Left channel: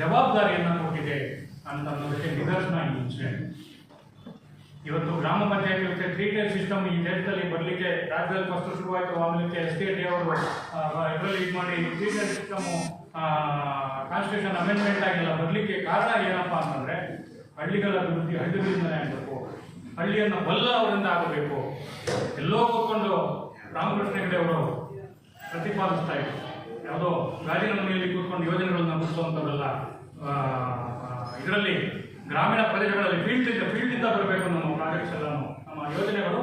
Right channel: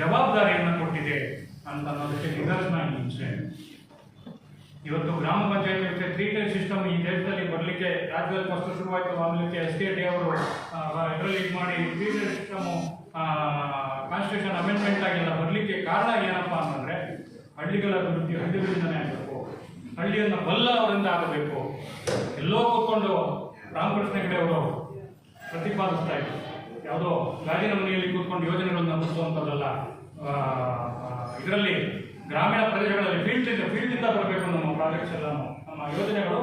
ಜವಾಬ್ದಾರಿಯನ್ನು ಕೊಟ್ಟಿದೆ ಅಂತ ಅನ್ನೋದಕ್ಕೆ ನಿದರ್ಶನ ಈ ಇನ್ಸಿಡೆಂಟ್. ಇವತ್ತು ಗ್ರಾಮ ಪಂಚಾಯತಿ 3-tier ಸಿಸ್ಟಮ್ ಈ ದೇಶದಲ್ಲಿ ಬರಲಿಕ್ಕೆ ರಾಜ್ಯದಲ್ಲಿ ಫಸ್ಟ್ ಶುರುವಾಯಿತು. ಆಮೇಲೆ SKD ಅವರು ಇದರಲ್ಲಿ ಇದು ಮಾಡಿ 3-tier ಸಿಸ್ಟಮು ಕಾನ್ಸ್ಟಿಟ್ಯೂಷನ್ ಅಮೆಂಡ್ಮೆಂಟ್ ಆಗಿಲ್ಲ ಬರಲಿಕ್ಕೆ ಕಾರಣ ಏನಪ್ಪ ಅಂತಂದರೆ ಹಳ್ಳಿಗಳ ಅಭಿವೃದ್ಧಿ ಹಳ್ಳಿಗಳಿಂದಲೇ ಆಗಬೇಕು, ಹಳ್ಳಿಯನ್ನು ಬಲ್ಲ ಅವರಿಂದ ಆಗಬೇಕು. ಎಲ್ಲೋ ಹೋಗ್ಕೊಂಡು ರಾಮಕೃಷ್ಣ ಹೆಗಡೆ ಅವರು ಪ್ರತಿಪಾದಿಸ್ತಾ ಇದ್ರು, ಯಾವುದೋ ಗಾಜಿನ ಮನೆಯಲ್ಲಿ ಕೂತ್ಕೊಂಡು ಯೋಜನೆಗಳನ್ನು ರೂಪಿಸುವಂಥದ್ದಲ್ಲ, ಇದರಲ್ಲಿ ಗ್ರಾಮೀಣ ಪ್ರದೇಶಗಳಲ್ಲಿ ಫೀಲ್ಡಿಂದ ಬರಬೇಕು ನಮ್ಮ ಪ್ರಾಜೆಕ್ಟ್ಸ್ ಎಲ್ಲ, ನಮ್ಮ ಯೋಜನೆಗಳು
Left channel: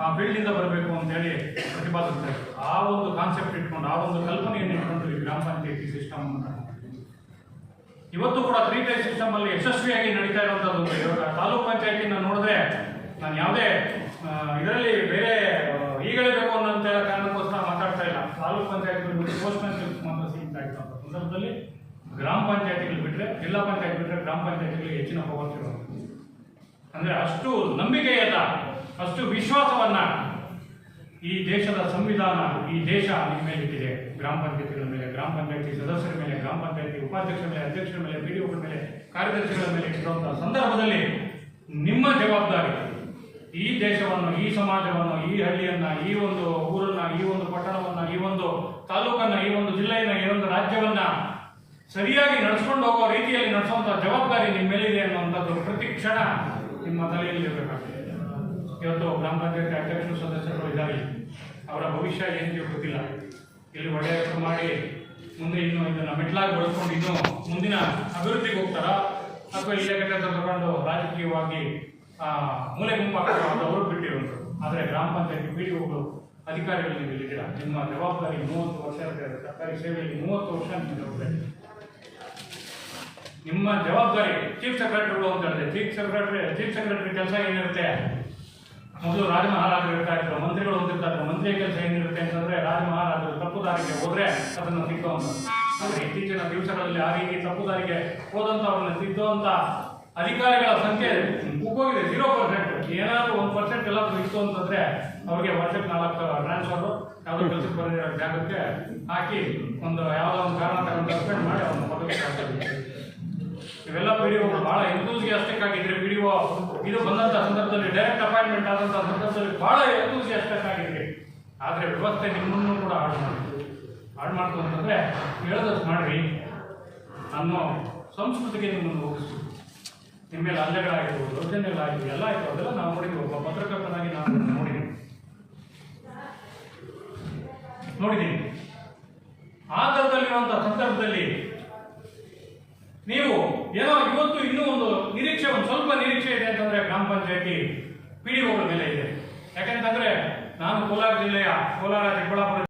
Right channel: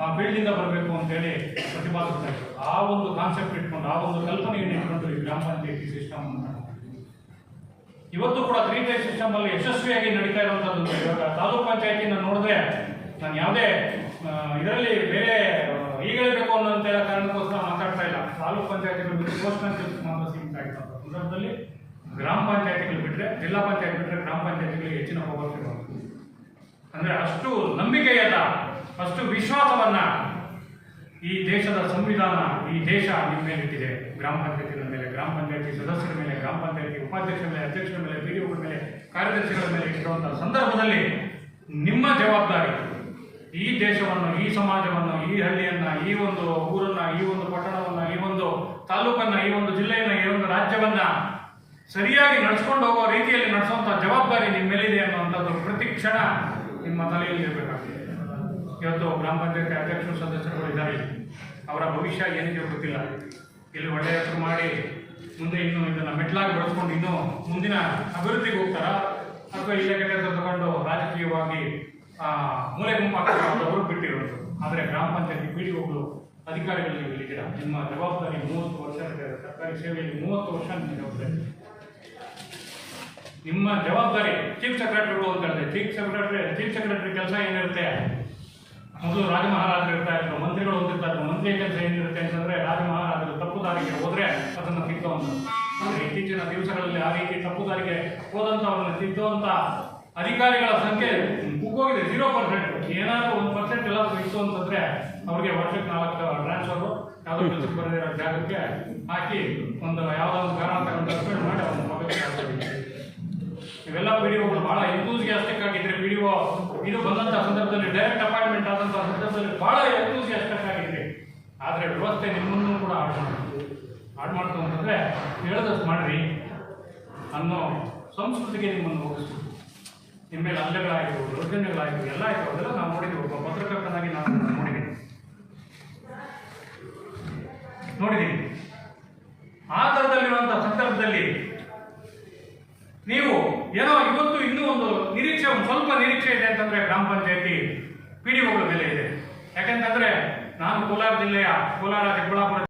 ಆ ಫೀಲ್ಡಿಂದ ಬರಬೇಕು ಅಂತೇಳಿ ಪ್ರತಿಪಾದಿಸ್ತಾ ಇದ್ರು. ಆ ಒಂದು ಕಾನ್ಸೆಪ್ಟ್ ಇಟ್ಕೊಂಡು, ಆ ಒಂದು ಕಲ್ಪನೆಯನ್ನು ಇಟ್ಕೊಂಡು ಈ ಗ್ರಾಮ ಪಂಚಾಯತಿ ಸಿಸ್ಟಮ್ ಇವತ್ತು ಕೂಡ 3-tier ಸಿಸ್ಟಮ್ ಅಲ್ಲಿ ಯಶಸ್ವಿಯಾಗಿ ನಡೀತಾ ಇರುವಂಥದ್ದು. ಇವಾಗ ತಾಲೂಕ್ ಪಂಚಾಯತಿನ ನೋಡಿದ್ರೆ ನಾನು ಯಾವುದೇ ಇದರಲ್ಲಿ ಬೇರೆ ಈಗಲೇಬೇಕು ಅನ್ನೋಂಥ ಕಾರಣಕ್ಕೋಸ್ಕರ ಮಾತಾಡ್ತಾ ಇಲ್ಲ. ತಾಲೂಕ್ ಪಂಚಾಯತಿಗಳು ಪೋಸ್ಟ್ನಲ್ಲಿ ಮಾತ್ರ ಸೀಮಿತ ಆಗಿರುವಂಥ ಸಂದರ್ಭದಲ್ಲಿ ಗ್ರಾಮ ಪಂಚಾಯತಿಗಳು ಬಿಟ್ಟರೆ, ಜಿಲ್ಲಾ ಪಂಚಾಯತ್ ಬಿಟ್ಟರೆ ಗ್ರಾಮ ಪಂಚಾಯತಿಗಳಿಗೆ ಹೆಚ್ಚಿನ ಪವರ್ ಇರುವಂಥದ್ದು. ಅಂದರೆ ಅಷ್ಟು ನಂಬಿಕೆಯಲ್ಲ, ಅಷ್ಟು ವಿಶ್ವಾಸವನ್ನ ಈ ದೇಶದ ಸಂವಿಧಾನ, ಈ ದೇಶ ನಿಮ್ಮ ಮೇಲೆ ಇಟ್ಟಿದೆ. ಗ್ರಾಮ ಪಂಚಾಯತಿಗಳ ಮೇಲೆ, ಗ್ರಾಮ ಪಂಚಾಯತಿ ಸದಸ್ಯರ ಮೇಲೆ, ಗ್ರಾಮ ಪಂಚಾಯತಿ ಉಪಾಧ್ಯಕ್ಷರ ಮೇಲೆ, ಅಧ್ಯಕ್ಷರ ಮೇಲೆ, PDOಗಳ ಮೇಲೆ, ಕಾರ್ಯದರ್ಶಿಗಳ ಮೇಲೆ ಇಟ್ಟಿರುವಂತಹ ಸಂದರ್ಭದಲ್ಲಿ ನಿಮ್ಮ ಜವಾಬ್ದಾರಿ ಈ ದೇಶವನ್ನು, ಈ ಸಮಾಜವನ್ನು, ಈ ಹಳ್ಳಿಯನ್ನ, ಈ ಒಂದು ಊರನ್ನ, ಈ ಒಂದು ಪಟ್ಟಣವನ್ನ, ಈ ಒಂದು ತಾಲೂಕನ್ನ, ಈ ಒಂದು ಜಿಲ್ಲೆಯನ್ನ, ಈ ಒಂದು ರಾಜ್ಯವನ್ನ ಸರಿಯಾಗಿ ನಡೆಸ್ಕೊಂಡು ಹೋಗುವ ರೀತಿಯಲ್ಲಿ ನಡೆಸುವಂತಹ ಜವಾಬ್ದಾರಿ ನಿಮ್ಮ ಮೇಲಿದೆ ಅನ್ನುವಂಥದ್ದು ಪ್ರತಿ ಕ್ಷಣ ನಿಮ್ಮ ತಲೆಯಲ್ಲಿ ಇರಬೇಕಾಗ್ತದೆ. ಇವತ್ತು ಗ್ರಾಮ ಪಂಚಾಯತಿ ಅಧ್ಯಕ್ಷರು ಸದಸ್ಯರುಗಳು ಇದ್ದಾರೆ, ಅವರ ಭವಿಷ್ಯ ಏನಿದೆಯೋ ಗೊತ್ತಿಲ್ಲ. ಇಲ್ಲಿ ಒಳ್ಳೆಯ ಹೆಸರು ಮಾಡಿ ಮುಂದೆ ಇನ್ನು ಇದನ್ನು ಮೆಟ್ಲಾಗಿ ಬಳಸ್ಕೊಂಡು ಇನ್ನೂ ಮುಂದಿನ ಅಭಿವೃದ್ಧಿಗೆ ಹೋಗ್ತಾರಾ, ಅಥವಾ ಇಲ್ಲೇ ಕೆಟ್ಟ ತಗೊಂಡು ರಾಜಕೀಯವಾಗಿ ಮೂಲೆ ಗುಂಪಾಗ್ತಾರೆ ಅವರು ಬಿಟ್ಟಿರುವಂಥದ್ದು. ಆದರೆ ಗ್ರಾಮ ಪಂಚಾಯತಿ PDOಗಳು ಅಧಿಕಾರಿಗಳು ನೀವು ಇಲ್ಲಿದ್ದೀರಾ, ನಿಮ್ಮ ಜವಾಬ್ದಾರಿ 30 ವರ್ಷ ಇರ್ತಾರೆ. ಸರ್ಕಾರಿ ಸೇವೆಯಲ್ಲಿ 30 ವರ್ಷ ನಿಮ್ಮ ಜವಾಬ್ದಾರಿ. ನಿಮ್ಮ ಜವಾಬ್ದಾರಿ ಚೀಫ್ ಸೆಕ್ರೆಟರಿಗಳು ಅಂತ ಹೇಳಿದ್ರೆ, ಚೀಫ್ ಸೆಕ್ರೆಟರಿ ಕೆಲಸ ಏನಿರುತ್ತೆ, ಮೊದಲು ರಾಜ ಮಹಾರಾಜರು ಇರ್ತಾ ಇದ್ರು, ಮಂತ್ರಿಗಳು ಓದಿರ್ತಾರೆ. ಮಂತ್ರಿಯ ಕೆಲಸ ಏನಿರುತ್ತೆ ಅಂತಂದ್ರೆ ರಾಜ ಮಹಾರಾಜರು ತಪ್ಪು ದಾರಿಗೆ ಹೋದ್ರೆ ಅದನ್ನು ತಿದ್ದುವಂತ. ಇತ್ತೀಚಿನ ದಿವಸಗಳಲ್ಲಿ ಆ ರೀತಿ ತಪ್ಪು ದಾರಿಗೆ ಹೋದಂಥವ್ರನ್ನ ತಿದ್ದುವಂತ ಅಧಿಕಾರಿಗಳ ಸಂಖ್ಯೆ ಕುಗ್ಗೋಗಿದೆ. 0%. ಏನಾದರೂ 1% ಎಲ್ಲಾದ್ರೂ ಇತ್ತು ಅಂತಂದ್ರೆ ಅವ್ರಿಗೆ ವರ್ಷಕ್ಕೆ 4 ಟ್ರಾನ್ಸ್ಫರ್ ಯಾವುದೋ ಕೆಲಸಕ್ಕೆ ಬರೋ ಜಾಗಕ್ಕೆ ಹಾಕಿ ಒಂದು ಯಾವುದೋ ಒಂದು ಕಾರಣ ತಗೊಂಡು ಸಸ್ಪೆಂಡ್ ಮಾಡಿ ಅವ್ರನ್ನ ಪದವಿ. ಇವೆಲ್ಲ PDOಗಳು ಬಹಳ ಎಂತೂಸಿಯಾಸ್ಟಿಕ್ ಆಗಿದ್ರೆ, PDO ಇದು ಬಂದಂಥ ಸಂದರ್ಭದಲ್ಲಿ ಡೈರೆಕ್ಟ್ ಅಪಾಯಿಂಟ್ಮೆಂಟ್ ಆದಂಥ ಸಂದರ್ಭದಲ್ಲಿ ಬಹಳ ಎಂತೂಸಿಯಾಸ್ಟಿಕ್ ಆಗಿದ್ರಿ. ಆದರೆ ವ್ಯವಸ್ಥೆ ನಿಮ್ಮನ್ನು ಕೂಡ ಹಾಡು ಮಾಡ್ತು ಅಂತಂದರೆ ಹೇಳೋದಷ್ಟು ಮಾಡ್ರಿ ಅನ್ನೋ ಸಂಸ್ಕೃತಿಗೆ ನಿಮ್ಮನ್ನು ಹೋಗಿಸ್ತು. ನಿಮ್ಮ ಮೇಲೆ ಹಲ್ಲೆಗಳಾಯಿತು, ದೌರ್ಜನ್ಯಗಳಾಯಿತು, ಎಲ್ಲ ಆಯಿತು. ಅದೆಲ್ಲ ನಾವು ನೋಡಿದ್ವಿ. ಒಬ್ಬ ಪತ್ರಕರ್ತನಾಗಿ ನಾನು ನೋಡಿದ್ದೀನಿ. ಆ ಥರದಲ್ಲಿರುವಂಥ ಸಂದರ್ಭದಲ್ಲಿ ನೀವು ಏನೋ ಇವತ್ತು ಇನ್ನೂ ಒಂದು ನಿರೀಕ್ಷೆ, ಒಂದು ಸ್ವಲ್ಪ ನಿರೀಕ್ಷೆ ಇದೆ ಅಂತಂದರೆ ಗ್ರಾಮ ಪಂಚಾಯತಿ PDOಗಳ ಮೇಲೆ ಇದೆ. ಯಾಕೆಂತಂದರೆ ನಾನು ಕೋಲಾರ ಜಿಲ್ಲೆಯ ಕೋಲಾರ ಚಿಕ್ಕಬಳ್ಳಾಪುರ